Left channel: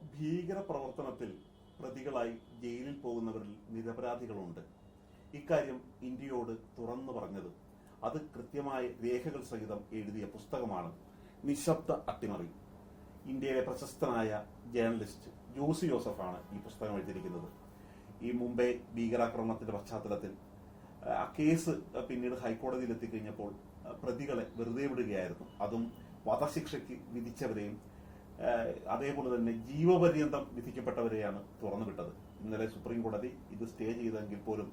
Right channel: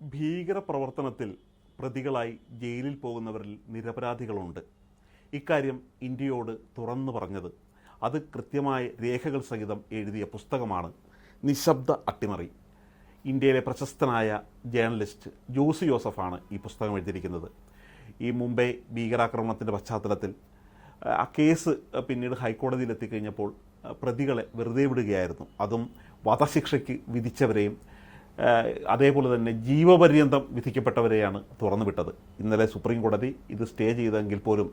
ഭീകരപ്രവർത്തനത്തിൽ പ്രതികളായി ജയിലിൽ പോകുന്നവരിൽ നിരപരാധികളുണ്ട്. ഇക്കാര്യം ഇന്ത്യയോട് തുറന്നു പറഞ്ഞത് അത് കൃത്യമായ രേഖകൾ സഹിതം എഴുതിയ പുസ്തകമാണ് നിശബ്ദ അട്ടിമറി. ഇന്ത്യയിലെ പ്രശസ്തനായ ജേർണലിസ്റ്റ് ജോസി ജോസഫാണ് ഈ പുസ്തകം എഴുതിയിരിക്കുന്നത്. ഈ മുംബൈ ഭീകരാക്രമണത്തിൻ്റെ പശ്ചാത്തലത്തിൽ ആ കേസ് പിന്നീട് ഹൈക്കോടതിയിൽ എത്തിക്കഴിഞ്ഞപ്പോൾ പ്രതികളെ വെറുതെ വിടുകയായിരുന്നു. അതും വധശിക്ഷയ്ക്ക് വിധിച്ചവരെയും അതേപോലെ തന്നെ ജീവപര്യന്തം വിധിക്കപ്പെട്ടവരെയാണ് തുറന്നുവിട്ടത്. ഇന്നലെ സുപ്രീം കോടതി ഇത് സ്റ്റേ ചെയ്തെങ്കിൽ പോലും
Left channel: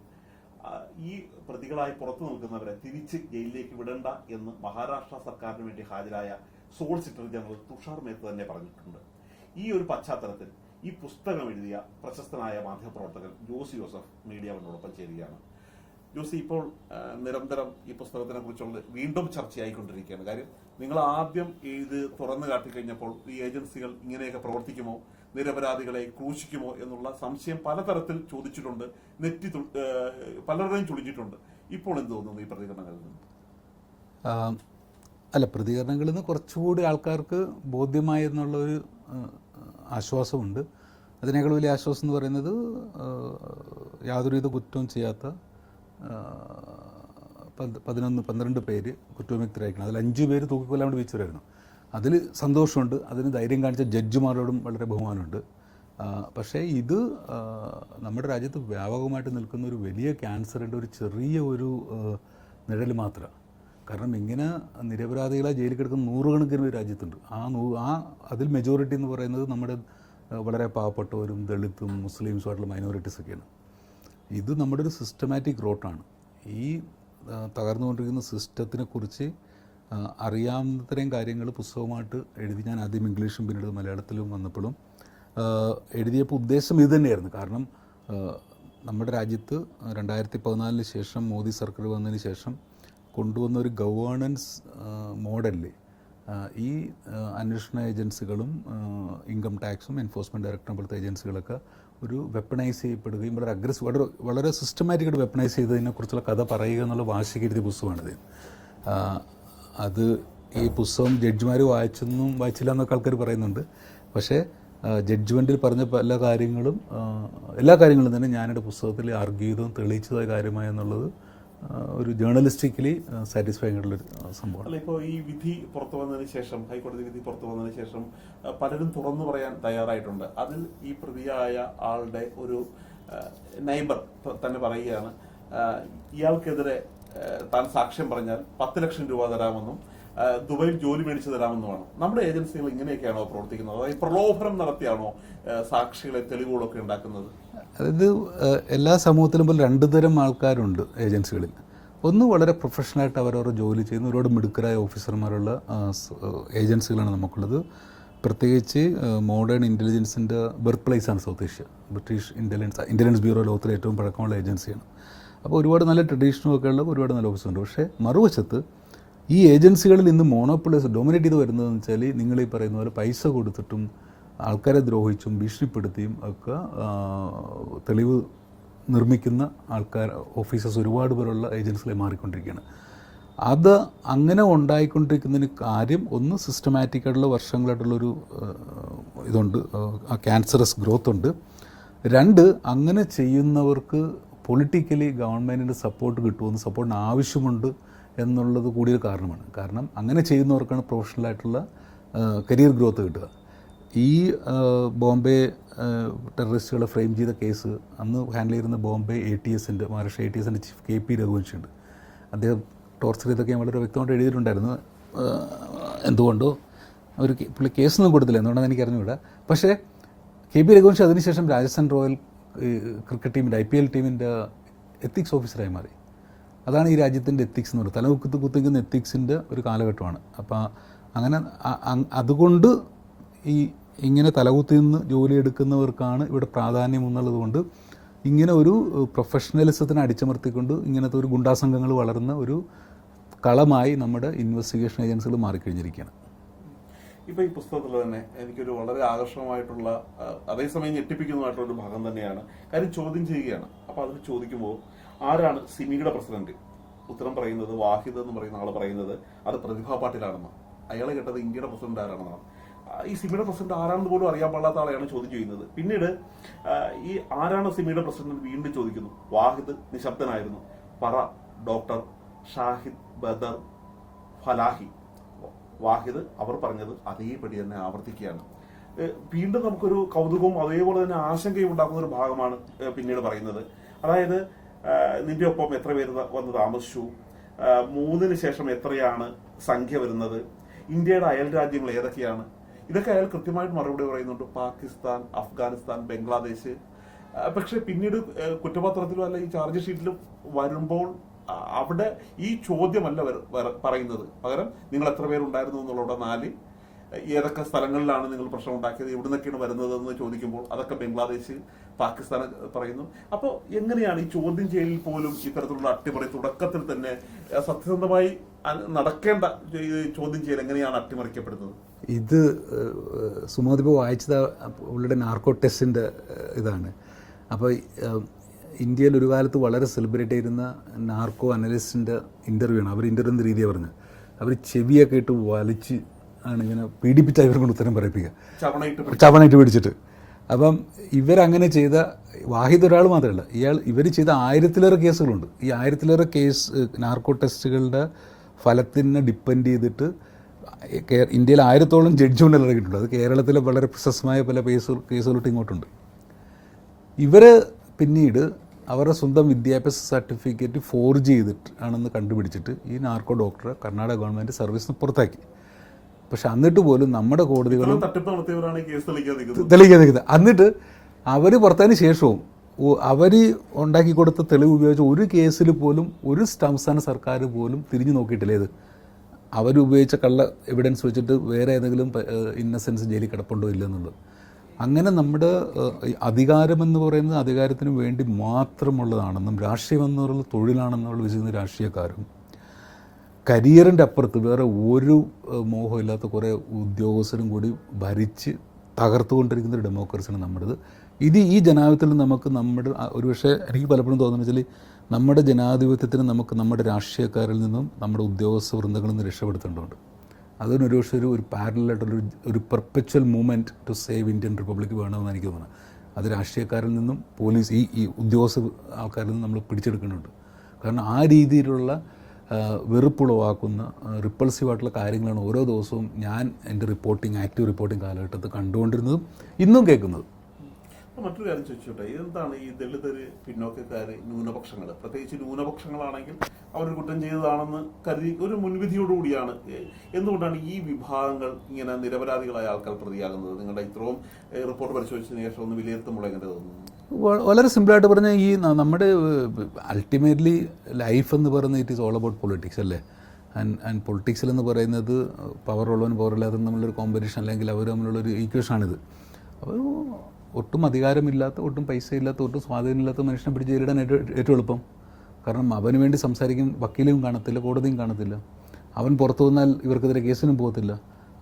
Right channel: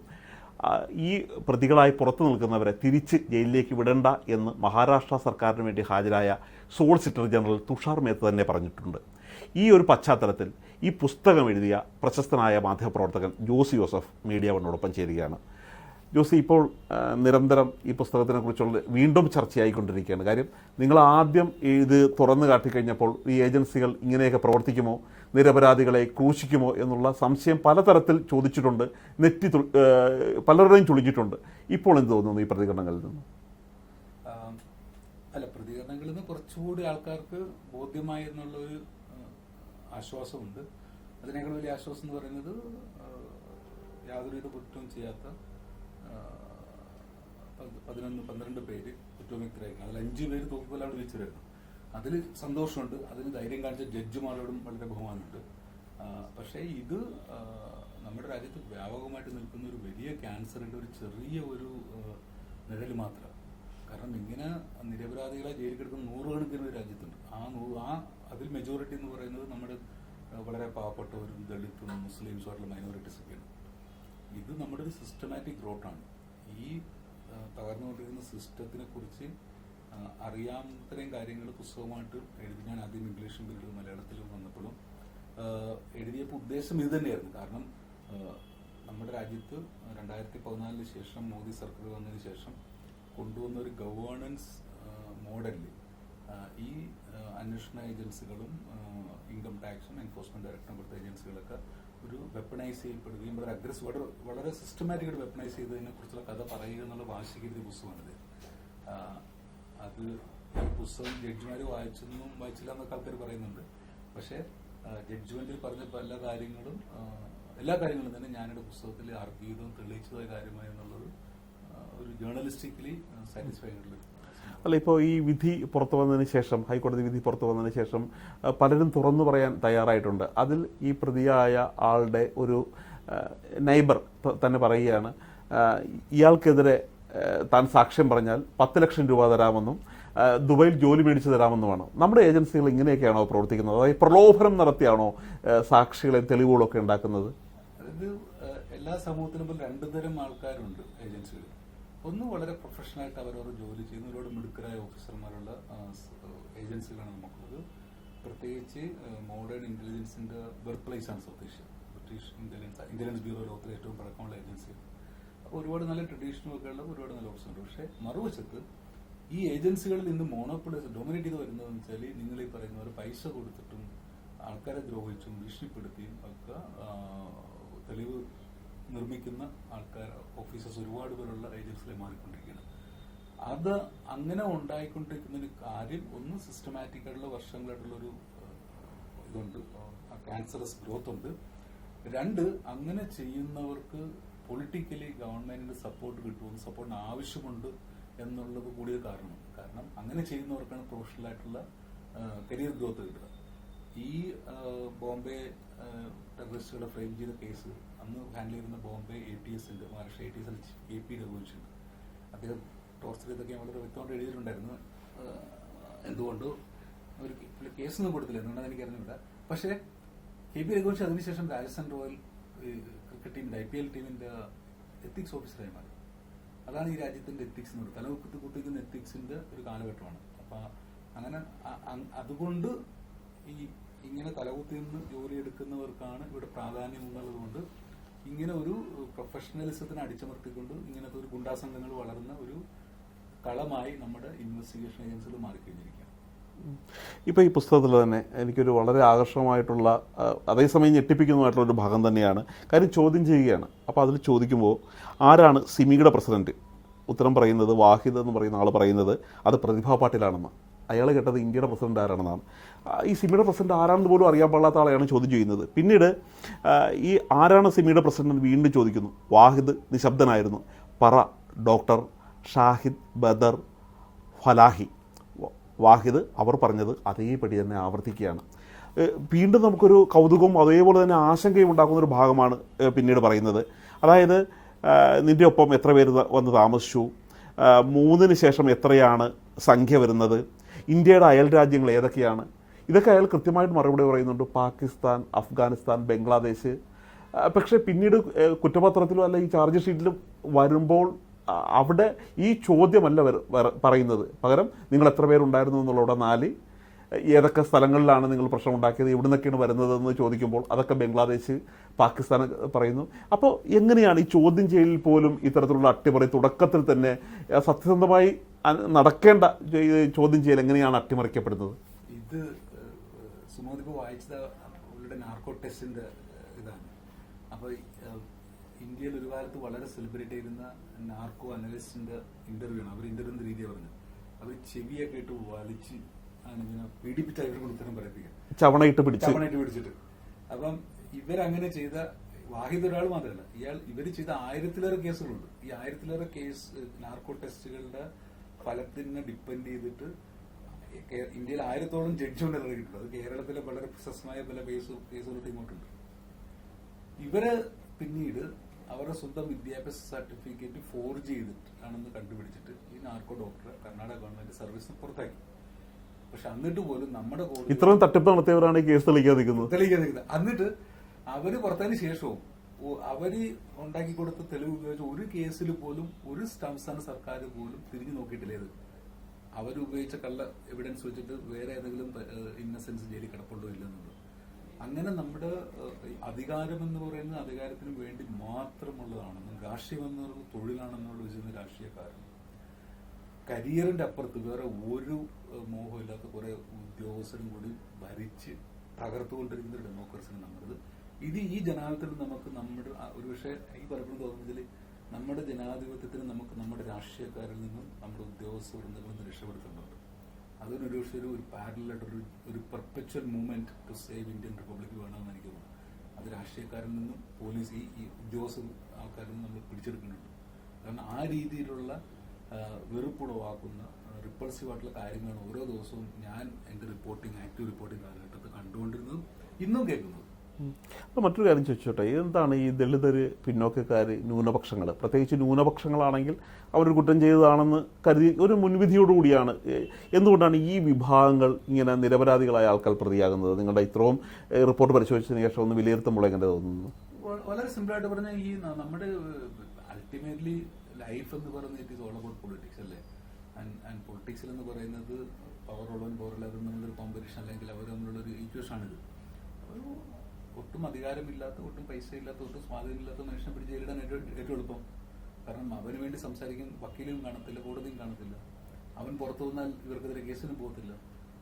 ഈ പ്രതികളായി പുറത്തു നിൽക്കുന്നവരെ തിരിച്ച് ജയിലിലേക്ക് വിടണ്ട എന്ന് മഹാരാഷ്ട്ര സർക്കാരിന് വേണ്ടി ഹാജരായ സോളിസിറ്റർ ജനറൽ തുഷാർ മേത്ത തന്നെ പറഞ്ഞിട്ടുണ്ട്. ഈ ഒരു പശ്ചാത്തലത്തിൽ ഈ പുസ്തകം എഴുതിയ പ്രശസ്തനായ മാധ്യമപ്രവർത്തകൻ ജോസി ജോസഫ് മീഡിയ വണ്ണോടൊപ്പം ചേരുകയാണ്. ജോസി, ഇപ്പോൾ നിരന്തരം ഈ പുസ്തകത്തിനെ കുറിച്ചുള്ള വീണ്ടും ചർച്ചയായിക്കൊണ്ടിരിക്കുകയാണ്. കാര്യം നിങ്ങൾ ആദ്യം ഇത് തുറന്നു കാട്ടിക്കഴിഞ്ഞപ്പോൾ ഈ ഏജൻസികൾ ഇങ്ങനെയൊക്കെ പ്രവർത്തിക്കുമോ, നിരപരാധികളെ ക്രൂശിക്കുമോ എന്നുള്ള സംശയം പലതരത്തിൽ ചോദിച്ചിട്ടുണ്ട്, പലരുടെയും ചൊളിച്ചിട്ടുണ്ട്. ഇപ്പോൾ എന്ത് തോന്നുന്നു ഈ പ്രതികരണങ്ങളിൽ നിന്ന്? അല്ല, പ്രതികരണങ്ങളിൽ നിന്ന് കുറച്ചുകൂടി ആൾക്കാർക്ക് ബോധ്യമായി എന്നുള്ളൊരു ആശ്വാസമുണ്ട്. അതിനേക്കാൾ വലിയ ആശ്വാസം എന്ന് പറയുന്നത് യാതൊരുവിധ കുറ്റവും ചെയ്യാത്ത 12 പേര് കുറ്റവിമുക്തരായിരിക്കണം. അതിൽ 5 പേര് തൂക്കിക്കൊല്ലാൻ വേണ്ടി വിധിച്ചവരായിരുന്നു. അതിൽ സന്തോഷമുണ്ട്. അതിന് ധൈര്യം കാണിച്ച ജഡ്ജിമാരോടും വളരെ ബഹുമാനമുണ്ട്. പക്ഷേ ഇത് നമ്മുടെ രാജ്യത്ത് വ്യാപകമായിട്ട് നിൽക്കുന്ന ഒരു വലിയ ക്യാൻസറിൻ്റെ ഒരു ചെറിയ ഒരു നിഴൽ മാത്രമാണ്. കാരണം ഇങ്ങനെ നിരപരാധികളെ ജയിലിൽ കിടക്കുന്ന നൂറുകണക്കിന് രാജ്യത്തുണ്ട്. അതിൽ മെജോറിറ്റി എന്ന് പറയുന്നത് നമ്മുടെ വളരെ പാവപ്പെട്ടവരും ദളിത്തും മുസ്ലിംസുമായിട്ടുള്ള മൈനോറിറ്റീസൊക്കെയാണ്. ഇത് നമ്മുടെ ഒരു സിസ്റ്റമാറ്റിക് റോട്ടാണ്. ഈ തകർന്നുകൊണ്ടിരിക്കുന്ന സിസ്റ്റത്തിനെ കുറിച്ച് അറിയാവുന്നത്രയും കാര്യങ്ങൾ പുസ്തകമായിട്ട് എഴുതി ഞാൻ ആദ്യം ഇംഗ്ലീഷും പിന്നീട് മലയാളത്തിലും വന്നപ്പോഴും എഴുതിയപ്പോൾ ഉദ്ദേശം ഇത് തന്നെയായിരുന്നു. കാരണം നമ്മുടെ രാജ്യത്ത് 2014 ശേഷം മോദി സർക്കാർ വന്നതിന് ശേഷം കൊണ്ടുവന്ന ഒരു ഗവേണൻസ് മോഡലിൽ ഈ അന്വേഷണ ഏജൻസികളും ഇൻകം ടാക്സും എൻഫോഴ്സ്മെൻറ്റ് ഡയറക്ടറും പോലത്തെ ഏജൻസികളൊക്കെ ഒരു വെപ്പണൈസ് ചെയ്യപ്പെടുകയും വളരെ സിസ്റ്റമാറ്റിക്കായിട്ട് വെപ്പണൈസ് ചെയ്തതിനെക്കുറിച്ചുള്ള കഥ പറയുക എന്നുള്ള വാശിക്ക് പുസ്തകമാണിത്. അത് ഈ പുസ്തകം ജഡ്ജിമാർ വായിച്ചില്ല എന്നൊക്കെ ആൾക്കാർ പറയുന്നുണ്ട്. പക്ഷേ ജഡ്ജ്മെൻറ്റിൽ പറഞ്ഞ എല്ലാ കാര്യങ്ങളും തന്നെ ഞാനെൻ്റെ പുസ്തകത്തിൽ ആർഗ്യൂ ചെയ്തതും തെളിയിച്ചതായ കാര്യമായെന്നുള്ളത് ഒരു ജേർണലിസ്റ്റിക്കലി സാറ്റിസ്ഫൈങ് ആയിട്ടുള്ളൊരു സംഭവം. അല്ല, ഇപ്പോൾ ഈ വിധി പുറത്തു വന്നതിന് ശേഷം, ഹൈക്കോടതി വിധി പുറത്തു വന്നതിന് ശേഷം പലരും തുറന്നു പറയാൻ തയ്യാറായിട്ടുണ്ട്. അതിൽ ഈ പ്രതിയായ ആളുടെ ഒരു നൈബർ തന്നെ പറയുകയാണ്, ഇയാൾക്കെതിരെ താൻ സാക്ഷ്യം പറഞ്ഞാൽ 10 ലക്ഷം രൂപ തരാമെന്നും ദുബൈയിൽ ജോലി മേടിച്ചു തരാമെന്നുമാണ്. നമ്മുടെ ഏജൻസികൾ ഇങ്ങനെയൊക്കെയാണോ പ്രവർത്തിക്കുന്നത്? അതായത് പ്രലോഭനം നടത്തിയാണോ സാക്ഷികളെയും തെളിവുകളൊക്കെ ഉണ്ടാക്കുന്നത്? അതായത് എല്ലാ സമൂഹത്തിലും പോലും 2 തരം ആൾക്കാരുണ്ട് ഏജൻസികളിൽ. ഒന്ന് വളരെ പ്രൊഫഷണലായിട്ട് അവരവരുടെ ജോലി ചെയ്യുന്ന ഒരുപാട് മിടുക്കരായ ഓഫീസർമാരുള്ള ഏജൻസികളാണ് നമുക്കുള്ളത്. പ്രത്യേകിച്ച് മോഡേൺ ഇൻ്റലിജൻസിൻ്റെ ബർത്ത് പ്ലേസാണ് South Asia. British intelligence bureau ലോകത്തിലെ ഏറ്റവും പഴക്കമുള്ള ഏജൻസിയാണ്. അപ്പോൾ ഒരുപാട് നല്ല ട്രഡീഷനൊക്കെ ഉള്ള ഒരുപാട് നല്ല ഓഫീസറുണ്ട്. പക്ഷേ മറുവശത്ത് ഈ ഏജൻസികളിൽ ഇന്ന് മോണോപ്പൊളൈസ് ഡോമിനേറ്റ് ചെയ്ത് വരുന്നതെന്ന് വെച്ചാൽ നിങ്ങൾ ഈ പറയുന്ന പോലെ പൈസ കൊടുത്തിട്ടും ആൾക്കാരെ ദ്രോഹിച്ചും ഭീഷണിപ്പെടുത്തിയും ഒക്കെ തെളിവ് നിർമ്മിക്കുന്ന ഓഫീസേഴ്സ് ഒരുപാട് പേരുള്ള ഏജൻസികളെ മാറിക്കൊണ്ടിരിക്കുകയാണ്. അത് അങ്ങനെ ഉണ്ടായിക്കൊണ്ടിരിക്കുന്നതിന് കാര്യം ഒന്ന് സിസ്റ്റമാറ്റിക്കായിട്ടുള്ള വർഷങ്ങളായിട്ടുള്ളൊരു ഇതുണ്ട്, ആ ക്യാൻസറസ് ഗ്രോത്ത് ഉണ്ട്. 2, അങ്ങനെ ചെയ്യുന്നവർക്ക് പൊളിറ്റിക്കലി ഗവൺമെൻറ്റിൻ്റെ സപ്പോർട്ട് കിട്ടുമെന്ന്, സപ്പോർട്ടിന് ആവശ്യമുണ്ട് എന്നുള്ളത് കൂടിയൊരു കാരണമാണ്. കാരണം അങ്ങനെ ചെയ്യുന്നവർക്കാണ് പ്രൊഫഷണലായിട്ടുള്ള കരിയർ ഗ്രോത്ത് കിട്ടുക. ഈ ബോംബെ ടെററിസ്റ്റുകളെ ഫ്രെയിം ചെയ്ത കേസ് അന്ന് ഹാൻഡിൽ ചെയ്യുന്ന ബോംബെ മഹാരാഷ്ട്ര ATSൻ്റെ ചീഫ് KP രഘുവംശിയുണ്ട്. അദ്ദേഹം ടോർച്ചർ ചെയ്തൊക്കെ ഞാൻ വളരെ വ്യക്തമായിട്ട് എഴുതിയിട്ടുണ്ടായിരുന്നു. എന്തുകൊണ്ടോ പുള്ളി കേസൊന്നും കൊടുത്തില്ല, എന്തുകൊണ്ടാണെന്ന് എനിക്ക് അറിഞ്ഞുകൂടാ. പക്ഷേ KP രഘുവംശി അതിനുശേഷം രാജസ്ഥാൻ റോയൽ ക്രിക്കറ്റ് ടീമിൻ്റെ IPL ടീമിൻ്റെ എത്തിക്സ് ഓഫീസറായി മാറി. അതാണ് ഈ രാജ്യത്തിൻ്റെ എത്തിക്സ് എന്ന് പറയുന്നത്. തലകുത്തിക്കുന്ന എത്തിക്സിൻ്റെ ഒരു കാലഘട്ടമാണ്. അപ്പോൾ അങ്ങനെ അതുകൊണ്ട് ഇങ്ങനെ തലകുത്തി നിന്ന് ജോലിയെടുക്കുന്നവർക്കാണ് ഇവിടെ പ്രാധാന്യം എന്നുള്ളത് കൊണ്ട് ഇങ്ങനെ ഒരു പ്രൊഫഷണലിസത്തിനെ അടിച്ചമർത്തിക്കൊണ്ട് ഇങ്ങനത്തെ ഒരു ഗുണ്ടാസംഘങ്ങൾ വളർന്ന ഒരു കളമായി നമ്മുടെ ഇൻവെസ്റ്റിഗേഷൻ ഏജൻസികൾ മാറിക്കഴിഞ്ഞിരിക്കുകയാണ്. ഇപ്പോൾ ഈ പുസ്തകത്തിൽ തന്നെ എനിക്കൊരു വളരെ ആകർഷകമായിട്ടുള്ള, അതേസമയം ഞെട്ടിപ്പിക്കുന്നതായിട്ടുള്ളൊരു ഭാഗം തന്നെയാണ്. കാര്യം ചോദ്യം ചെയ്യുകയാണ്. അപ്പോൾ അതിൽ ചോദിക്കുമ്പോൾ ആരാണ് സിമിയുടെ പ്രസിഡന്റ്? ഉത്തരം പറയുന്നത് വാഹിദ് എന്ന് പറയുന്ന ആൾ പറയുന്നത് അത് പ്രതിഭാ പാട്ടീലാണെന്ന്. അയാൾ കേട്ടത് ഇന്ത്യയുടെ പ്രസിഡന്റ് ആരാണെന്നാണ്. ഈ സിമിയുടെ പ്രസിഡന്റ് ആരാണെന്ന് പോലും അറിയാൻ പാടാത്ത ആളെയാണ് ചോദ്യം ചെയ്യുന്നത്. പിന്നീട് ഈ ആരാണ് സിമിയുടെ പ്രസിഡന്റ് എന്ന് വീണ്ടും ചോദിക്കുന്നു. വാഹിദ് നിശബ്ദനായിരുന്നു. പറ ഡോക്ടർ ഷാഹിദ് ബദർ ഫലാഹി. വാഹിദ് അവർ പറഞ്ഞത് അതേപടി തന്നെ ആവർത്തിക്കുകയാണ്. വീണ്ടും നമുക്കൊരു കൗതുകവും അതേപോലെ തന്നെ ആശങ്കയും ഉണ്ടാക്കുന്നൊരു ഭാഗമാണ് പിന്നീട് പറയുന്നത്. അതായത് നിൻ്റെ ഒപ്പം എത്ര പേര് വന്ന് താമസിച്ചു, 3 ശേഷം എത്രയാണ് സംഖ്യ വരുന്നത്, ഇന്ത്യയുടെ അയൽ രാജ്യങ്ങൾ ഏതൊക്കെയാണ്, ഇതൊക്കെ അയാൾ കൃത്യമായിട്ട് മറുപടി പറയുന്നുണ്ട്. പാകിസ്ഥാൻ, അഫ്ഗാനിസ്ഥാൻ, ബംഗ്ലാദേശ്. പക്ഷേ പിന്നീട് കുറ്റപത്രത്തിലും അല്ല ഈ ചാർജ് ഷീറ്റിലും വരുമ്പോൾ അവിടെ ഈ ചോദ്യമല്ല പറയുന്നത്. പകരം നിങ്ങൾ എത്ര പേരുണ്ടായിരുന്നു എന്നുള്ളവിടെ 4, ഏതൊക്കെ സ്ഥലങ്ങളിലാണ് നിങ്ങൾ പ്രശ്നം ഉണ്ടാക്കിയത്, എവിടെ നിന്നൊക്കെയാണ് വരുന്നതെന്ന് ചോദിക്കുമ്പോൾ അതൊക്കെ ബംഗ്ലാദേശ്, പാകിസ്ഥാൻ പറയുന്നു. അപ്പോൾ എങ്ങനെയാണ് ഈ ചോദ്യം ചെയ്യലിൽ പോലും ഇത്തരത്തിലുള്ള അട്ടിമറി തുടക്കത്തിൽ തന്നെ സത്യസന്ധമായി നടക്കേണ്ട ചോദ്യം ചെയ്യൽ എങ്ങനെയാണ് അട്ടിമറിക്കപ്പെടുന്നത്? ഇത് സുമോദിപ്പോൾ വായിച്ചത് പുള്ളിയുടെ നാർക്കോ ടെസ്റ്റിൻ്റെ ഇതാണ്. അപ്പോൾ ഇന്ത്യയിൽ ഒരു കാലത്ത് വളരെ സെലിബ്രേറ്റ് ചെയ്യുന്ന നാർക്കോ അനലിസ്റ്റിൻ്റെ ഇൻ്റർവ്യൂ ആണ്. അവർ ഇൻ്റർവ്യൂ എന്ന രീതിയാണ് പറഞ്ഞത്. അവർ ചെവിയൊക്കെ ഇട്ട് വലിച്ച് ആണ് ഇങ്ങനെ പീഡിപ്പിച്ച് ഇവരെ കൊണ്ട് ഉത്തരം പറയിപ്പിക്കുക, ചവണയിട്ട് പിടിച്ചിട്ട്. അപ്പം ഇവരങ്ങനെ ചെയ്ത വാഹിദ് ഒരാൾ മാത്രമല്ല, ഇവർ ചെയ്ത 1000-ലേറെ കേസുകളുണ്ട്. ഈ 1000-ലേറെ കേസ് നാർക്കോ ടെസ്റ്റുകളുടെ ഫലത്തിനെ ഡിപ്പെൻഡ് ചെയ്തിട്ട് ഇന്ത്യയിൽ 1000-ഓളം ജഡ്ജ്മെൻ്റ് ഇറങ്ങിയിട്ടുണ്ട്. അത് കേരളത്തിലെ വളരെ പ്രശസ്തമായ പല കേസുകളൊട്ട് ഇങ്ങോട്ടുണ്ട്. ഇവർ പിന്നീട് അവരുടെ സ്വന്തം വിദ്യാഭ്യാസ സർട്ടിഫിക്കറ്റ് ഫോർജ് ചെയ്തിട്ട് ആണെന്ന് കണ്ടുപിടിച്ചിട്ട് ഈ നാർക്കോ ഡോക്ടറെ കർണാടക ഗവൺമെൻറ് സർവീസിന് പുറത്താക്കി. പക്ഷെ എന്നിട്ട് പോലും നമ്മുടെ കോടതികൾ തെളിയിക്കാൻ നിൽക്കുന്നത്. എന്നിട്ട് അവർ പുറത്തതിന് ശേഷവും അവർ ഉണ്ടാക്കി കൊടുത്ത തെളിവ് ഉപയോഗിച്ച് ഒരു കേസിൽ പോലും ഒരു സംസ്ഥാന സർക്കാർ പോലും തിരിഞ്ഞു നോക്കിയിട്ടില്ല. ഇത് അവരുപയോഗിച്ച കള്ള എവിഡൻസ് വെച്ചിട്ട് വേറെ ഏതെങ്കിലും ഇന്നസെൻസ് ജയിലിൽ കിടപ്പുണ്ടോ ഇല്ലെന്നുള്ളത്. അങ്ങനെ നമ്മുടെ അധികാരമെന്ന് പറയുന്നത് അധികാരത്തിന് വേണ്ടി മാത്രമുള്ളതാണെന്നും രാഷ്ട്രീയം എന്ന് പറയുന്നത് തൊഴിലാണെന്നുള്ള വിചാരിക്കുന്ന രാഷ്ട്രീയക്കാരും കരിയറിൻ്റെ അപ്പുറത്ത് വേറെ ഒരു മോഹമില്ലാത്ത കുറേ ഉദ്യോഗസ്ഥരും കൂടി ഭരിച്ച് തകർത്തുകൊണ്ടിരിക്കുന്ന ഒരു ഡെമോക്രസിയാണ് നമ്മുടേത്. ഇത് ഈ ജനാധിപത്യത്തിൽ നമുക്ക് നമ്മുടെ ഒരുപക്ഷെ എനിക്ക് പലപ്പോഴും തോന്നുന്നത് വെച്ചാൽ നമ്മുടെ ജനാധിപത്യത്തിന് നമുക്ക് നമ്മുടെ രാഷ്ട്രീയക്കാരിൽ നിന്നും നമ്മുടെ ഉദ്യോഗസ്ഥ വൃന്ദങ്ങളിൽ നിന്ന് രക്ഷപ്പെടുത്തേണ്ടതുണ്ട്. അതിനൊരു പക്ഷേ ഒരു പാരലായിട്ടുള്ളൊരു perpetual movement to save Indian republic വേണമെന്ന് എനിക്ക് തോന്നുന്നത്. അത് രാഷ്ട്രീയക്കാരിൽ നിന്നും പോലീസ് ഈ ഉദ്യോഗസ്ഥ ആൾക്കാരിൽ നിന്നും നമ്മൾ പിടിച്ചെടുക്കുന്നുണ്ട്. കാരണം ആ രീതിയിലുള്ള വെറുപ്പുളവാക്കുന്ന റിപ്പൾസീവായിട്ടുള്ള കാര്യങ്ങളാണ് ഓരോ ദിവസവും ഞാൻ എൻ്റെ ആക്റ്റീവ് റിപ്പോർട്ടിംഗ് കാലഘട്ടത്തിൽ കണ്ടുകൊണ്ടിരുന്നതും ഇന്നും കേൾക്കുന്നതും. അപ്പോൾ മറ്റൊരു കാര്യം ചോദിച്ചോട്ടെ, എന്താണ് ഈ ദളിതർ, പിന്നോക്കക്കാർ, ന്യൂനപക്ഷങ്ങൾ, പ്രത്യേകിച്ച് ന്യൂനപക്ഷങ്ങളാണെങ്കിൽ അവരൊരു കുറ്റം ചെയ്തതാണെന്ന് കരുതി ഒരു മുൻവിധിയോടുകൂടിയാണ് എന്തുകൊണ്ടാണ് ഈ വിഭാഗങ്ങൾ ഇങ്ങനെ നിരപരാധികളായ ആൾക്കാർ പ്രതിയാകുന്നത്? നിങ്ങളുടെ ഇത്രയും റിപ്പോർട്ട് പരിശോധിച്ചതിന് ശേഷം ഒന്ന് വിലയിരുത്തുമ്പോൾ എങ്ങനെ തോന്നുന്നു? വളരെ സിമ്പിളായിട്ട് പറഞ്ഞാൽ ഈ നമ്മുടെ അൾട്ടിമേറ്റ്ലി ലൈഫ് എന്ന് പറയുന്നത് it is all about politics അല്ലേ. ആൻഡ് പൊളിറ്റിക്സിൽ എന്ന് പറയുന്നത് പവറുള്ളവനും പവറില്ലാത്തവനും തമ്മിലൊരു കോമ്പറ്റീഷൻ, അല്ലെങ്കിൽ അവർ തമ്മിലുള്ളൊരു ഈക്വേഷനാണിത്. അപ്പോൾ ഒട്ടും അധികാരമില്ലാത്ത, ഒട്ടും പൈസ ഇല്ലാത്ത, ഒട്ടും സ്വാധീനമില്ലാത്ത മനുഷ്യനെ പിടിച്ച് ജയിലിടാൻ ഏറ്റവും എളുപ്പം. കാരണം അവന് വേണ്ടി സംസാരിക്കും വക്കീലും കാണത്തില്ല, കോടതിയും കാണത്തില്ല. അവൻ പുറത്തു വന്നാൽ ഇവർക്കെതിരെ കേസിനും പോകത്തില്ല.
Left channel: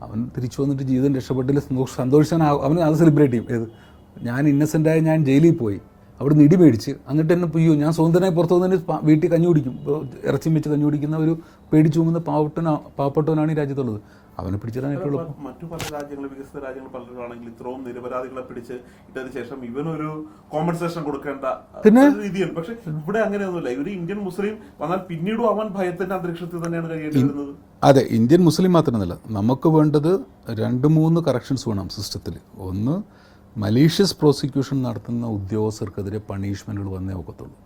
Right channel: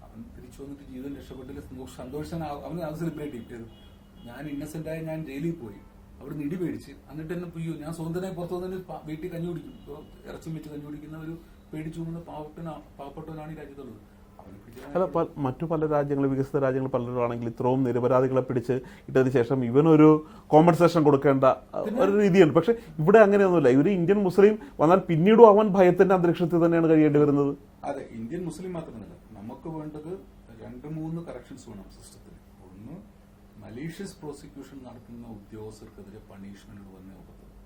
അവൻ തിരിച്ചു വന്നിട്ട് ജീവിതം രക്ഷപ്പെട്ടില്ല, സന്തോഷിച്ചാൽ അവന് അത് സെലിബ്രേറ്റ് ചെയ്യും. ഏത് ഞാൻ ഇന്നസെൻ്റായ ഞാൻ ജയിലിൽ പോയി അവിടെ നിന്ന് ഇടി മേടിച്ച് എന്നിട്ട് എന്നെ പൊയ്യോ ഞാൻ സ്വതന്ത്രനായി പുറത്തു വന്നതിന് വീട്ടിൽ കഞ്ഞി കുടിക്കും, ഇറച്ചിയും വെച്ച് കഞ്ഞി കുടിക്കുന്ന ഒരു പേടിച്ചു പോകുന്ന പാവപ്പെട്ടവനാണ് ഈ രാജ്യത്തുള്ളത്. അവനെ പിടിച്ചിടാൻ മറ്റു പല രാജ്യങ്ങൾ, വികസിത രാജ്യങ്ങൾ പലരാണെങ്കിൽ ഇത്രയും നിരപരാധികളെ പിടിച്ച് ഇട്ടതിന് ശേഷം ഇവനൊരു കോമ്പൻസേഷൻ കൊടുക്കേണ്ട രീതിയുണ്ട്. പക്ഷെ ഇവിടെ അങ്ങനെയൊന്നുമില്ല. ഇവർ ഇന്ത്യൻ മുസ്ലിം വന്നാൽ പിന്നീടും അവൻ ഭയത്തിന്റെ അന്തരീക്ഷത്തിൽ തന്നെയാണ് കഴിയേണ്ടി വരുന്നത്. അതെ, ഇന്ത്യൻ മുസ്ലിം മാത്രമല്ല, നമുക്ക് വേണ്ടത് 2-3 കറക്ഷൻസ് വേണം സിസ്റ്റത്തിൽ. ഒന്ന്, മലീഷ്യസ് പ്രോസിക്യൂഷൻ നടത്തുന്ന ഉദ്യോഗസ്ഥർക്കെതിരെ പണിഷ്മെൻറ്റുകൾ വന്നേ ഒക്കത്തുള്ളൂ.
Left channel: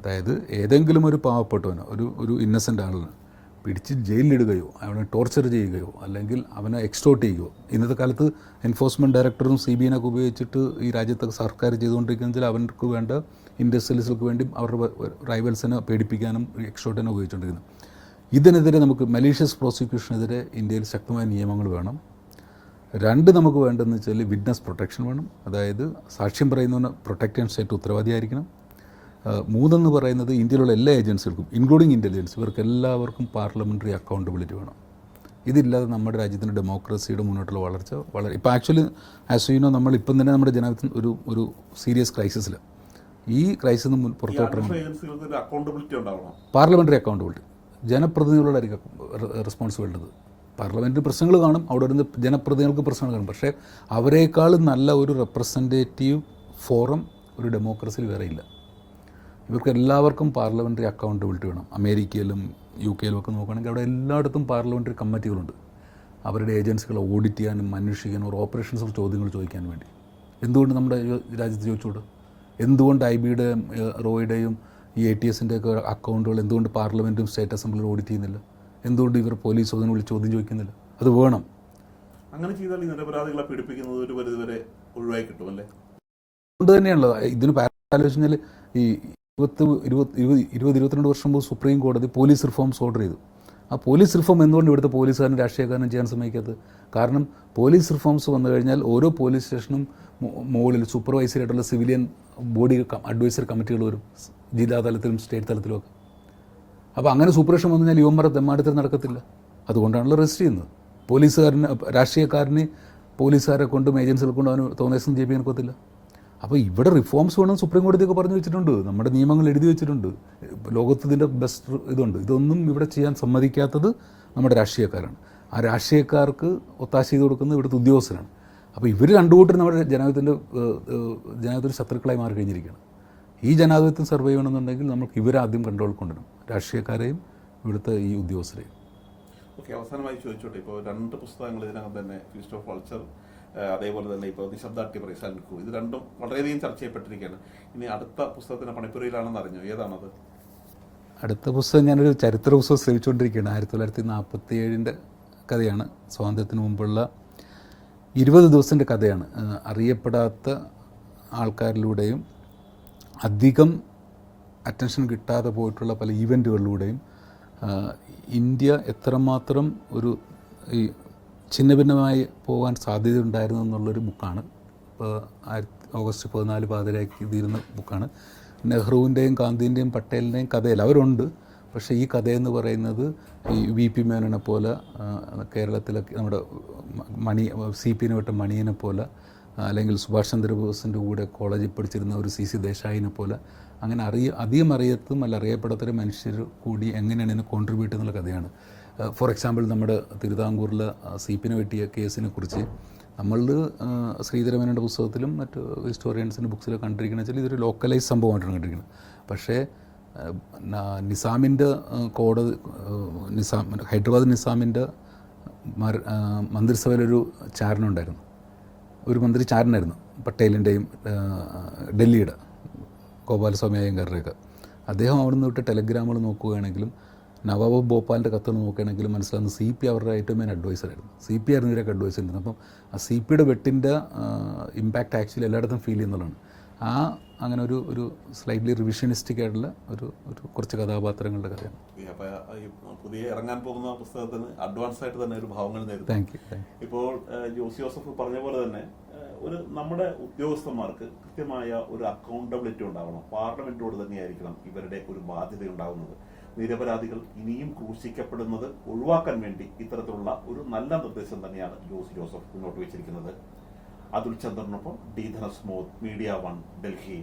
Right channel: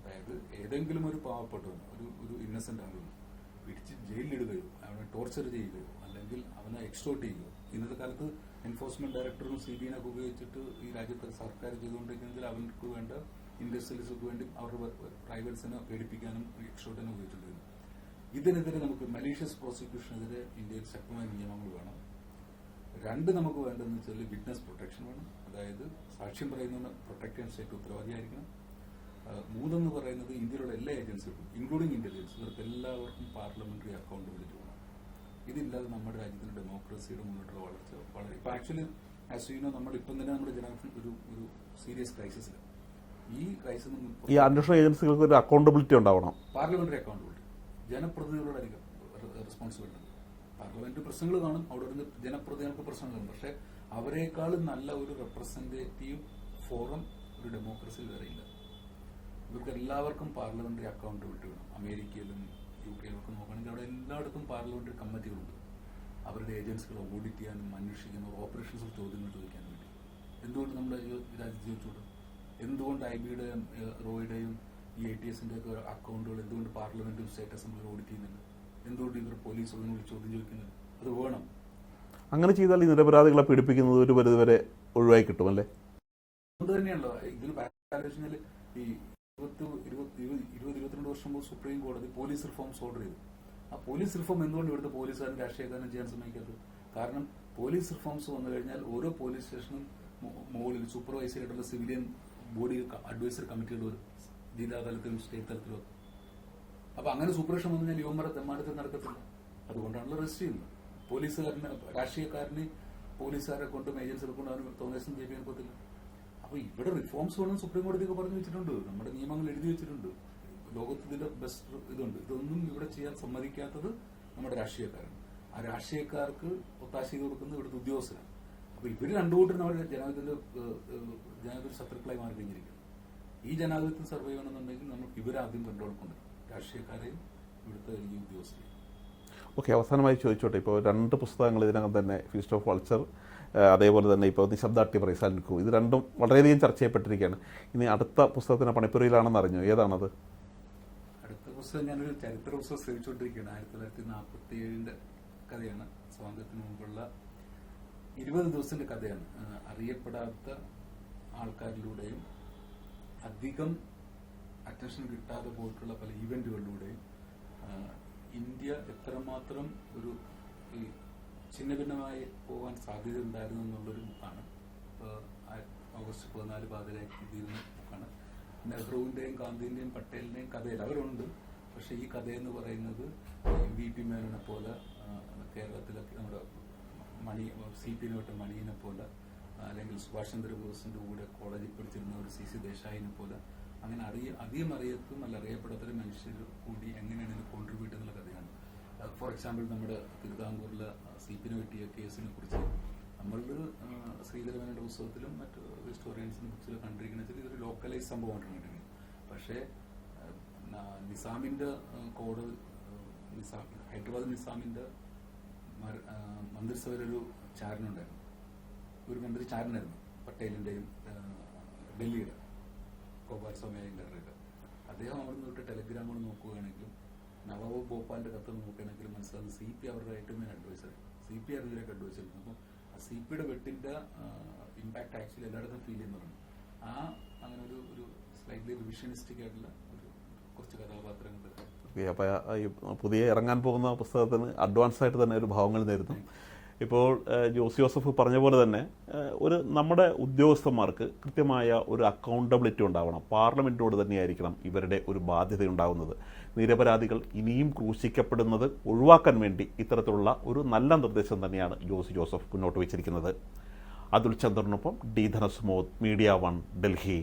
അതായത് ഏതെങ്കിലും ഒരു പാവപ്പെട്ടവനോ ഒരു ഇന്നസെൻ്റ് ആളിന് പിടിച്ച് ജയിലിലിടുകയോ അവനെ ടോർച്ചർ ചെയ്യുകയോ അല്ലെങ്കിൽ അവനെ എക്സ്റ്റോർട്ട് ചെയ്യുകയോ, ഇന്നത്തെ കാലത്ത് എൻഫോഴ്സ്മെൻറ്റ് ഡയറക്ടറും CBI ഉപയോഗിച്ചിട്ട് ഈ രാജ്യത്തെ സർക്കാർ ചെയ്തുകൊണ്ടിരിക്കുന്നതിൽ അവർക്ക് വേണ്ട ഇൻഡസ്ട്രിയലിസ്റ്റുകൾക്ക് വേണ്ടി അവരുടെ റൈവൽസിനെ പേടിപ്പിക്കാനും എക്സ്റ്റോർട്ടിനെ ഉപയോഗിച്ചുകൊണ്ടിരിക്കുന്നു. ഇതിനെതിരെ നമുക്ക് മലീഷ്യസ് പ്രോസിക്യൂഷനെതിരെ ഇന്ത്യയിൽ ശക്തമായ നിയമങ്ങൾ വേണം. 2, നമുക്ക് വേണ്ടതെന്ന് വെച്ചാൽ വിറ്റ്നസ് പ്രൊട്ടക്ഷൻ വേണം. അതായത് സാക്ഷ്യം പറയുന്നവന് പ്രൊട്ടക്ട് ചെയ്യാൻ സ്റ്റേറ്റ് ഉത്തരവാദിയായിരിക്കണം. 3 എന്ന് പറയുന്നത് ഇന്ത്യയിലുള്ള എല്ലാ ഏജൻസികൾക്കും ഇൻക്ലൂഡിങ് ഇൻ്റലിജൻസ് ഇവർക്കെല്ലാവർക്കും പാർലമെൻ്ററി അക്കൗണ്ടബിലിറ്റി വേണം. ഇതില്ലാതെ നമ്മുടെ രാജ്യത്തിൻ്റെ ഡെമോക്രസിയുടെ മുന്നോട്ടുള്ള വളർച്ച വളരെ ഇപ്പോൾ ആക്ച്വലി ആസ് യു നോ നമ്മളിപ്പം തന്നെ നമ്മുടെ ജനാധിപത്യം ഒരു സീരിയസ് ക്രൈസിസിൽ. ഈ ക്രൈസിൽ നിന്ന് അക്കൗണ്ടബിലിറ്റി ഉണ്ടാവണം. പാർലമെൻ്ററി അക്കൗണ്ടബിലിറ്റി ജനപ്രതിനിധികളോടായിരിക്കും റെസ്പോൺസിബിലിറ്റി. പാർലമെൻറ്റിൽ പ്രശ്നങ്ങൾ കാണും, അവിടെ വരുന്ന ജനപ്രതിനിധികൾക്ക് പ്രശ്നങ്ങൾ കാണും. പക്ഷേ അവരെക്കാളും നല്ല ഒരു റെപ്രസെൻറ്റേറ്റീവ് ഫോറം ഒരു ഡെമോക്രസിയിൽ വേറെ ഇല്ല. ഇവർക്ക് എല്ലാവർക്കും പാർലമെൻ്ററി അക്കൗണ്ടബിലിറ്റി വേണം. അമേരിക്കയിലും UK യിലും ഒക്കെ നോക്കുകയാണെങ്കിൽ അവിടെ എല്ലായിടത്തും പാർലമെൻ്ററി കമ്മിറ്റികളുണ്ട്. അവരുടെ ഏജൻസികളെ ഓഡിറ്റ് ചെയ്യാനും അന്വേഷിക്കാനും ഒരു ഓപ്പറേഷൻസ് ചോദ്യങ്ങൾ ചോദിക്കാൻ വേണ്ടി. എന്തുകൊണ്ട് നമ്മുടെ രാജ്യത്ത് ചോദിച്ചുകൂടും? എന്തുകൊണ്ട് IB-യുടെയും റോയുടെയും ഈ ATSൻ്റെ ഒക്കെ അക്കൗണ്ടുകൾ എന്തുകൊണ്ട് പാർലമെൻറ്റും സ്റ്റേറ്റ് അസംബ്ലിയും ഓഡിറ്റ് ചെയ്യുന്നില്ല? എന്തുകൊണ്ട് ഇവർ പോലീസ് അതിനുള്ളിൽ ചോദ്യം ചോദിക്കുന്നില്ല? അത് വേണം. അങ്ങനെ ചെയ്താൽ ഈ നിരപരാധികളെ പീഡിപ്പിക്കുന്നത് ഒരു പരിധിവരെ ഒഴിവായി കിട്ടുമല്ലേ? അതുകൊണ്ട് തന്നെയാണല്ലോ ഇതിന് ആലോചിച്ചാൽ ഈ 22 വർഷം മുമ്പ് സുപ്രീം കോടതി പോലീസ് റിഫോംസ് ഓർഡർ ചെയ്തു. ആ പോലീസ് റിഫോം എന്തുകൊണ്ട് ഇവിടുത്തെ പോലീസുകാരനും രാഷ്ട്രീയക്കാരനും ചെയ്യാൻ സമ്മതിക്കാത്തത്? കാരണം പോലീസ് റിഫോംസ് വന്നു കഴിഞ്ഞാൽ ഓരോ പോലീസ് സ്റ്റേഷനും മുകളിൽ സൂപ്പർവൈസറി ആയിട്ടുള്ള സിവിലിയൻ ബോഡി അഡ്വൈസറി കമ്മിറ്റികൾ വരും, ജില്ലാ തലത്തിലും സ്റ്റേറ്റ് തലത്തിലുമൊക്കെ. അപ്പോൾ അങ്ങനെ സൂപ്പർവിഷൻ വന്നു കഴിഞ്ഞാൽ യുവന്മാരെ തെമ്മാടിത്തരം നടക്കത്തില്ല. അതുകൊണ്ടാണല്ലോ രജിസ്റ്റർ ചെയ്യുന്നത്. പോലീസുകാരന് രാഷ്ട്രീയക്കാരന് പോലീസുകാരെ കൊണ്ടും ഏജൻസികളെ കൊണ്ടും അവന് തോന്നിയസം ചെയ്യിപ്പിക്കാൻ ഒക്കത്തില്ല. അപ്പോൾ ഇവിടെ റിഫോംസ് വേണം സുപ്രീം കോടതിയൊക്കെ പറഞ്ഞു വെച്ചിട്ടുണ്ട്, നമ്മുടെ നിയമങ്ങൾ എഴുതി വെച്ചിട്ടുണ്ട്, ലോകത്തിൻ്റെ ബെസ്റ്റ് ഇതുണ്ട്. ഇതൊന്നും ഇവിടെ ചെയ്യാൻ സമ്മതിക്കാത്തത് നമ്മുടെ രാഷ്ട്രീയക്കാരാണ്. ആ രാഷ്ട്രീയക്കാർക്ക് ഒത്താശ ചെയ്ത് കൊടുക്കുന്നത് ഇവിടുത്തെ ഉദ്യോഗസ്ഥരാണ്. അപ്പോൾ ഇവർ രണ്ടുകൂട്ടരും നമ്മുടെ ജനാധിപത്യത്തിൻ്റെ ശത്രുക്കളായി മാറി കഴിഞ്ഞിരിക്കുകയാണ്. ഈ ജനാധിപത്യം സർവൈവ് ചെയ്യണമെന്നുണ്ടെങ്കിൽ നമുക്ക് ഇവരാദ്യം കൺട്രോൾ കൊണ്ടുവരണം, രാഷ്ട്രീയക്കാരെയും ഇവിടുത്തെ ഈ ഉദ്യോഗസ്ഥരെയും. ഓക്കെ, അവസാനമായി ചോദിച്ചോട്ടെ, ഇപ്പോൾ 2 പുസ്തകങ്ങൾ ഇതിനകം തന്നെ ഫീസ്റ്റ് ഓഫ് വൾച്ചർ, അതേപോലെ തന്നെ ഇപ്പോൾ നിശബ്ദ അട്ടിമറി സൽക്കു, ഇത് രണ്ടും വളരെയധികം ചർച്ച ചെയ്യപ്പെട്ടിരിക്കുകയാണ്. ഇനി അടുത്ത പുസ്തകത്തിന് പണിപ്പുരയിലാണെന്ന് അറിഞ്ഞു. ഏതാണത്? അടുത്ത പുസ്തകം ഞാനൊരു ചരിത്ര പുസ്തകം ശ്രമിച്ചുകൊണ്ടിരിക്കുകയാണ്. 1947 കഥയാണ്. സ്വാതന്ത്ര്യത്തിന് മുമ്പുള്ള 20 ദിവസത്തിൻ്റെ കഥയാണ്. അറിയപ്പെടാത്ത ആൾക്കാരിലൂടെയും അധികം അറ്റൻഷൻ കിട്ടാതെ പോയിട്ടുള്ള പല ഈവൻറ്റുകളിലൂടെയും ഇന്ത്യ എത്രമാത്രം ഒരു ഈ ഛിന്നഭിന്നമായി പോകാൻ സാധ്യതയുണ്ടായിരുന്നു എന്നുള്ളൊരു ബുക്കാണ്. ഇപ്പോൾ ഓഗസ്റ്റ് 14 പാതിരാക്കി തീരുന്ന ബുക്കാണ്. നെഹ്റുവിൻ്റെയും ഗാന്ധിൻ്റെയും പട്ടേലിൻ്റെയും കഥയിൽ അവരുണ്ട്. പക്ഷേ ഈ കഥയെന്ന് പറയുന്നത് ഈ VP മേനോനെ പോലെ, കേരളത്തിലൊക്കെ നമ്മുടെ CPനെ വിട്ട മണിയനെ പോലെ, അല്ലെങ്കിൽ സുഭാഷ് ചന്ദ്രബോസിൻ്റെ കൂടെ കോളേജിൽ പഠിച്ചിരുന്ന ഒരു CC ദേശായിനെ പോലെ, അങ്ങനെ അധികം അറിയത്തും അല്ല അറിയപ്പെടാത്തൊരു മനുഷ്യർ കൂടി എങ്ങനെയാണ് ഇതിനെ കോൺട്രിബ്യൂട്ട് എന്നുള്ള കഥയാണ്. ഫോർ എക്സാമ്പിൾ നമ്മുടെ തിരുവിതാംകൂറിലെ CPനെ വെട്ടിയ കേസിനെ കുറിച്ച് നമ്മൾ ശ്രീധരമേനോൻ്റെ പുസ്തകത്തിലും മറ്റ് ഹിസ്റ്റോറിയൻസിൻ്റെ ബുക്സിലൊക്കെ കണ്ടിരിക്കുന്നത് വെച്ചാൽ ഇതൊരു ലോക്കലൈസ് സംഭവമായിട്ടാണ് കണ്ടിരിക്കുന്നത്. പക്ഷേ നിസാമിൻ്റെ കോടതി ഹൈദരാബാദ് നിസാമിൻ്റെ മന്ത്രിസഭയിലൊരു ചാരനുണ്ടായിരുന്നു, ഒരു മന്ത്രി ചാരനായിരുന്നു, പട്ടേലിൻ്റെയും ഡൽഹിയുടെ ഗോപാലസ്വാമി അയ്യങ്കാരുടെയൊക്കെ. അദ്ദേഹം അവിടെ നിന്ന് വിട്ട് ടെലഗ്രാമുകൾ നോക്കുകയാണെങ്കിലും നവാബ് ഭോപ്പാലിൻ്റെ കത്തുകൾ നോക്കുകയാണെങ്കിലും മനസ്സിലാകുന്നത് CP അവരുടെ ഏറ്റവും മെയിൻ അഡ്വൈസറായിരുന്നു. CP ആയിരുന്നു ഇവരൊക്കെ അഡ്വൈസ് ചെയ്യുന്നത്. അപ്പം ആ CPയുടെ വെട്ടിൻ്റെ ഇമ്പാക്റ്റ് ആക്ച്വലി എല്ലായിടത്തും ഫീൽ ചെയ്യുന്നതാണ്. അങ്ങനെ ഒരു സ്ലൈറ്റ്ലി റിവിഷനിസ്റ്റിക് ആയിട്ടുള്ള ഒരു കുറച്ച് കഥാപാത്രങ്ങളുടെ കഥയാണ്. അപ്പോൾ ഈ പുതിയ ഇറങ്ങാൻ പോകുന്ന പുസ്തകത്തിന് അഡ്വാൻസ് ആയിട്ട് തന്നെ ഒരു ഭാവങ്ങൾ നേരിടും. Thank you. ഇപ്പോൾ ജോസഫ് പറഞ്ഞ പോലെ തന്നെ നമ്മുടെ ഉദ്യോഗസ്ഥന്മാർക്ക് കൃത്യമായ ഒരു അക്കൗണ്ടബിലിറ്റി ഉണ്ടാവണം. പാർലമെൻറ്റോട് തന്നെയായിരിക്കണം ഇവരുടെ ഒരു ബാധ്യത ഉണ്ടാകുന്നത്. നിരപരാധികൾ ഇനിയും ക്രൂശിക്കപ്പെടുന്നത് ഒഴിവാക്കാൻ വേണ്ടി ഇത്തരത്തിലുള്ള ഒരു നല്ല നിർദ്ദേശം തന്നെയാണ് ജോസഫ് മുന്നോട്ട് വെച്ചിരിക്കുന്നത്. അതുൽ ചന്ദ്രനൊപ്പം D. ധനസ്മോദ്, മീഡിയ 1, ഡൽഹി.